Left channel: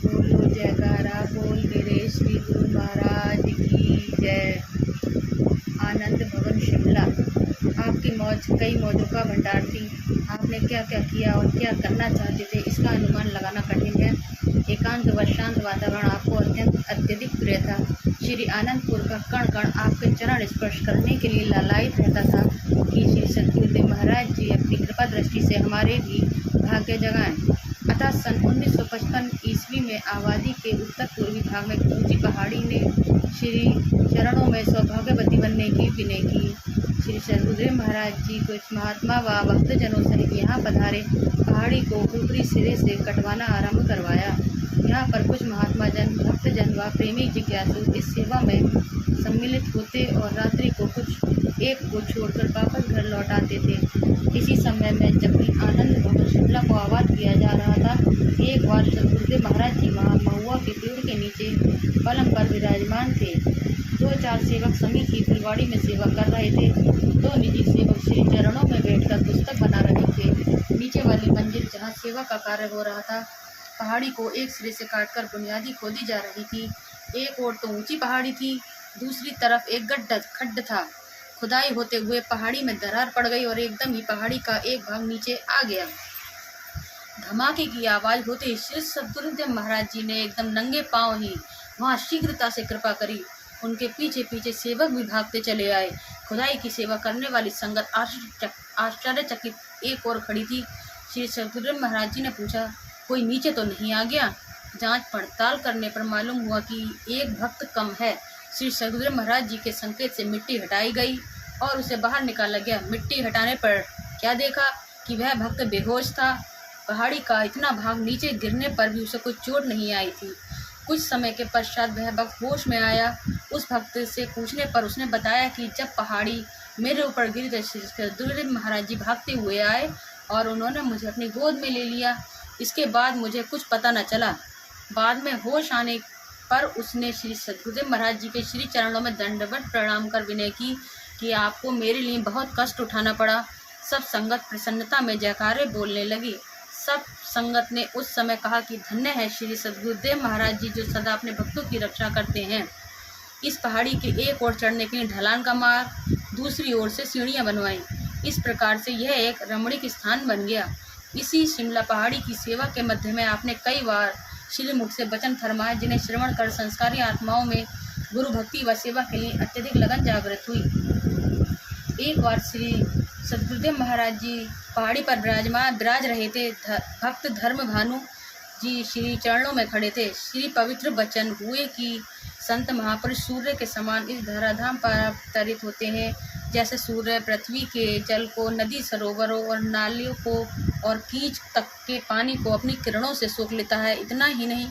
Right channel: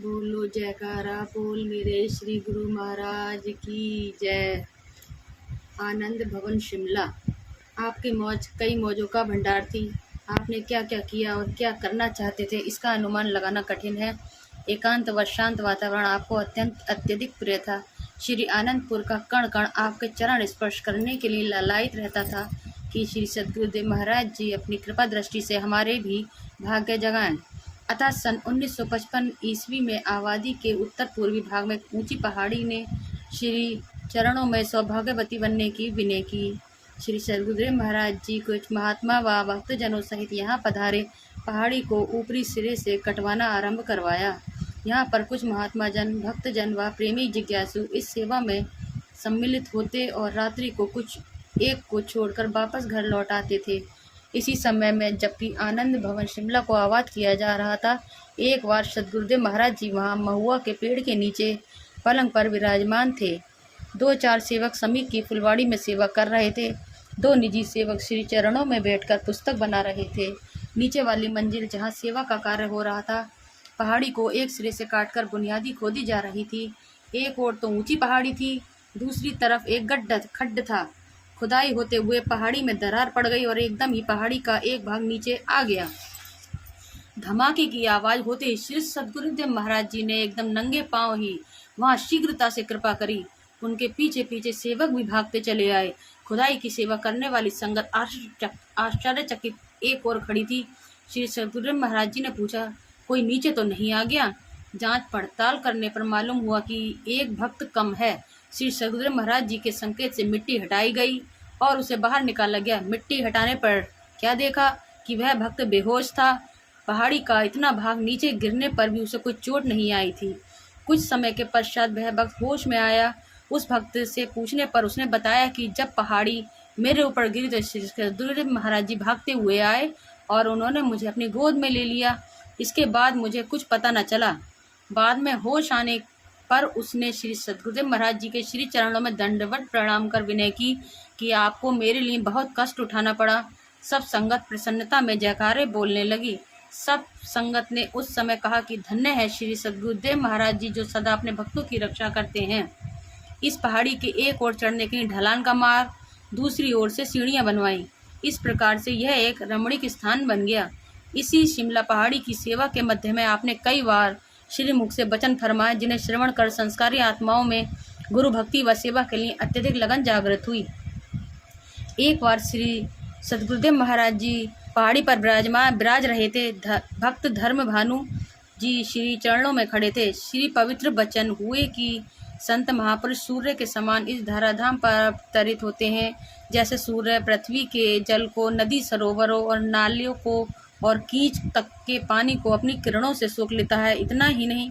बोलो जयकारा बोल मेरे श्री गुरु महाराज की जय। आनंद भवन शिमला। आपकी मौज कई मौजों का भंडार थी। आपने क्या क्या किया और क्या करना चाहते थे इसका अनुमान लगाना कठिन है। एकांत व शांत वातावरण आपको अत्यधिक प्रिय था। श्री आनंदपुर का कण कण आपके चरण स्पर्श करने के लिए लालायित रहता था कि श्री सद्गुरुदेव महाराज जी अपनी कृपा दृष्टि से हमारे भी भाग्य जगाएं। अतः सन 1955 ईस्वी में आबादी के उत्तर पूर्वी भाग में ऊंची पहाड़ी ने श्री चरणों में सौभाग्यवती बनने की विनय की। श्री सद्गुरुदेव महाराज जी कुछ महात्मा व भक्तजनों सहित यहाँ पधारे पहाड़ी को ऊपरी सिरे से कटवाना आरंभ करवाया। यहाँ पर कुछ महात्मा जन, भक्तजन व प्रेमी जिज्ञासु इस सेवा में सम्मिलित होते और रात्रि को कुछ एक को छोड़कर वापस घर लौट आते थे। इसी समय में जब भी आनंद भवन शिमला को आबाद किया जा रहा था, एक बार सद्गुरुदेव महाराज जी वहाँ महुआ के पेड़ के नीचे पलंग पर विराजमान थे। 2-4 सेवक समीर की फुलवाड़ी में सेवा कर रहे थे। 2 निजी सेवक श्री चरणों में बैठकर पुस्तक बना रहे थे। नीचे वाली मंजिल जहाँ सेवा का कार्य हो रहा था, पहाड़ी को एक सिरे से काटकर बुनियादी खोदी जा रही थी। एक ओर तो ऊंची पहाड़ी थी, दूसरी तरफ एक खड्ड था। खुदाई होते हुए पहाड़ी में दरार पड़ गई और एकदम ही पहाड़ी का एक भाग नीचे आ गया। धमाके की आवाज़ होते ही श्री सद्गुरुदेव महाराज जी ने एकदम नंगे पांव ही वहां शीघ्रता से कृपा करी। उनके पीछे पीछे सेवक भी भागते चले आए। खुदाई की सेवा करने वाली संगत आश्चर्यचकित एक और खड़ी थी। श्री सद्गुरुदेव महाराज जी ने पूछा, कोई नीचे तो नहीं आ गया? जांच पड़ताल करने पर मालूम हुआ कि एक भक्त कम है। श्री सद्गुरुदेव महाराज जी के संकेत से मिट्टी हटाई गई और उसे बाहर निकाला गया। मिट्टी हटाने पर क्या देखा कि वह भक्त बेहोश था। पहाड़ी का इतना भाग नीचे गिरने पर भी उसे कोई चोट नहीं आई थी। कुछ समय के पश्चात वह भक्त होश में आया। उस भक्त से पूछने पर उसने बताया कि जब पहाड़ी मेरे ऊपर गिरी तो श्री सद्गुरुदेव महाराज जी भागते हुए आए और उन्होंने मुझे अपनी गोद में ले लिया। इसके बाद मुझे कुछ पता न चला। बाद में होश आने पर उसने श्री सद्गुरुदेव महाराज जी के श्री चरणों में दंडवत प्रणाम कर विनय की कि आपको मेरे लिए बहुत कष्ट उठाना पड़ा। सब संगत प्रसन्नता में जयकारे बोलने लगी। सब संगत ने उस समय कहा कि धन्य है श्री सद्गुरुदेव महाराज जी जो सदा अपने भक्तों की रक्षा करते हैं। इस पहाड़ी के एक ओर चढ़ने के लिए ढलान का मार्ग, दूसरी ओर से सीढ़ियां बनवाई। इस प्रकार से यह एक रमणीक स्थान बन गया। इसी शिमला पहाड़ी की सेवा के मध्य में आपने कई बार श्री मुख से वचन फरमाए, जिन्हें श्रवण कर संस्कारी आत्माओं में गुरु भक्ति व सेवा के लिए अत्यधिक लगन जागृत हुई। एक बार श्री सद्गुरुदेव महाराज जी पहाड़ी पर विराज रहे थे। भक्त धर्म भानु जी श्री चरणों में खड़े थे। श्री पवित्र वचन हुए कि संत महापुरुष सूर्य के समान इस धराधाम पर अवतरित होते हैं। जैसे सूर्य पृथ्वी के जल को, नदी सरोवरों और नालियों को और कीच तक के पानी को अपनी किरणों से सोख लेता है, इतना ही नहीं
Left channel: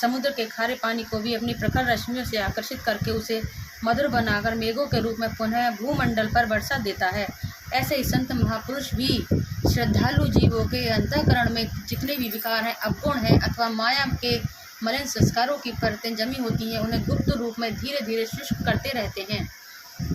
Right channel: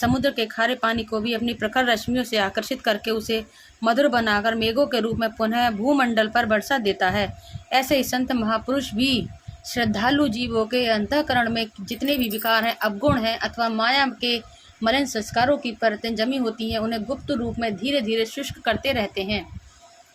समुद्र के खारे पानी को भी अपनी प्रखर रश्मियों से आकर्षित करके उसे मधुर बनाकर मेघों के रूप में पुनः भूमंडल पर बरसा देता है, ऐसे ही संत महापुरुष भी श्रद्धालु जीवों के अंतःकरण में जितने भी विकार हैं, अवगुण हैं अथवा माया के मलिन संस्कारों की परतें जमी होती हैं, उन्हें गुप्त रूप में धीरे धीरे शुष्क करते रहते हैं।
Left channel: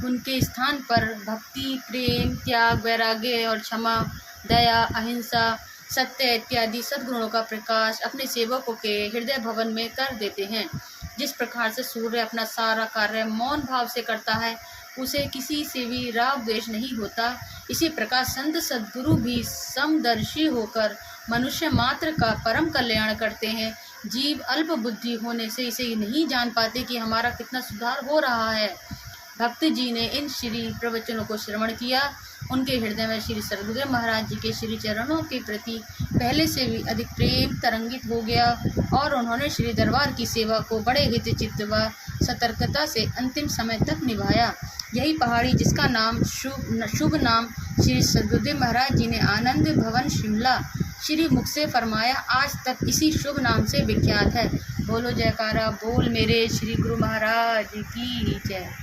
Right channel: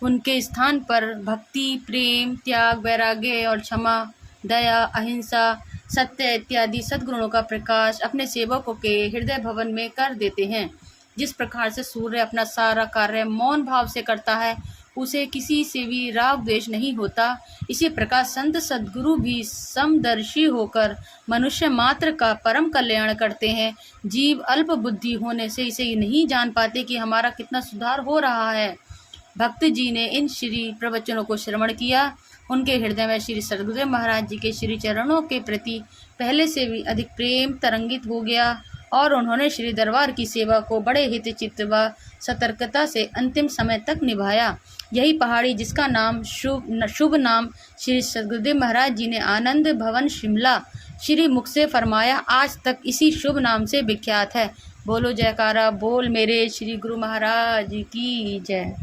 उनके स्थान पर भक्ति, प्रेम, त्याग, वैराग्य और क्षमा, दया, अहिंसा, सत्य इत्यादि सद्गुणों का प्रकाश अपने सेवकों के हृदय भवन में कर देते हैं। जिस प्रकार से सूर्य अपना सारा कार्य मौन भाव से करता है, उसे किसी से भी राग द्वेष नहीं होता, इसी प्रकार संत सद्गुरु भी समदर्शी होकर मनुष्य मात्र का परम कल्याण करते हैं। जीव अल्प बुद्धि होने से इसे नहीं जान पाते कि हमारा कितना सुधार हो रहा है। भक्त जी ने इन श्री प्रवचनों को श्रवण किया। उनके हृदय में श्री सद्गुरुदेव महाराज जी के श्री चरणों के प्रति पहले से भी अधिक प्रेम तरंगित हो गया और उन्होंने श्री दरबार की सेवा को बड़े हित चित्त व सतर्कता से अंतिम समय तक निभाया। यही पहाड़ी जिसका नाम शुभ नाम श्री सद्गुरुदेव महाराज जी ने आनंद भवन शिमला श्री मुख से फरमाया, आज तक इसी शुभ नाम से विख्यात है। बोलो जयकारा बोल मेरे श्री गुरु महाराज की जय।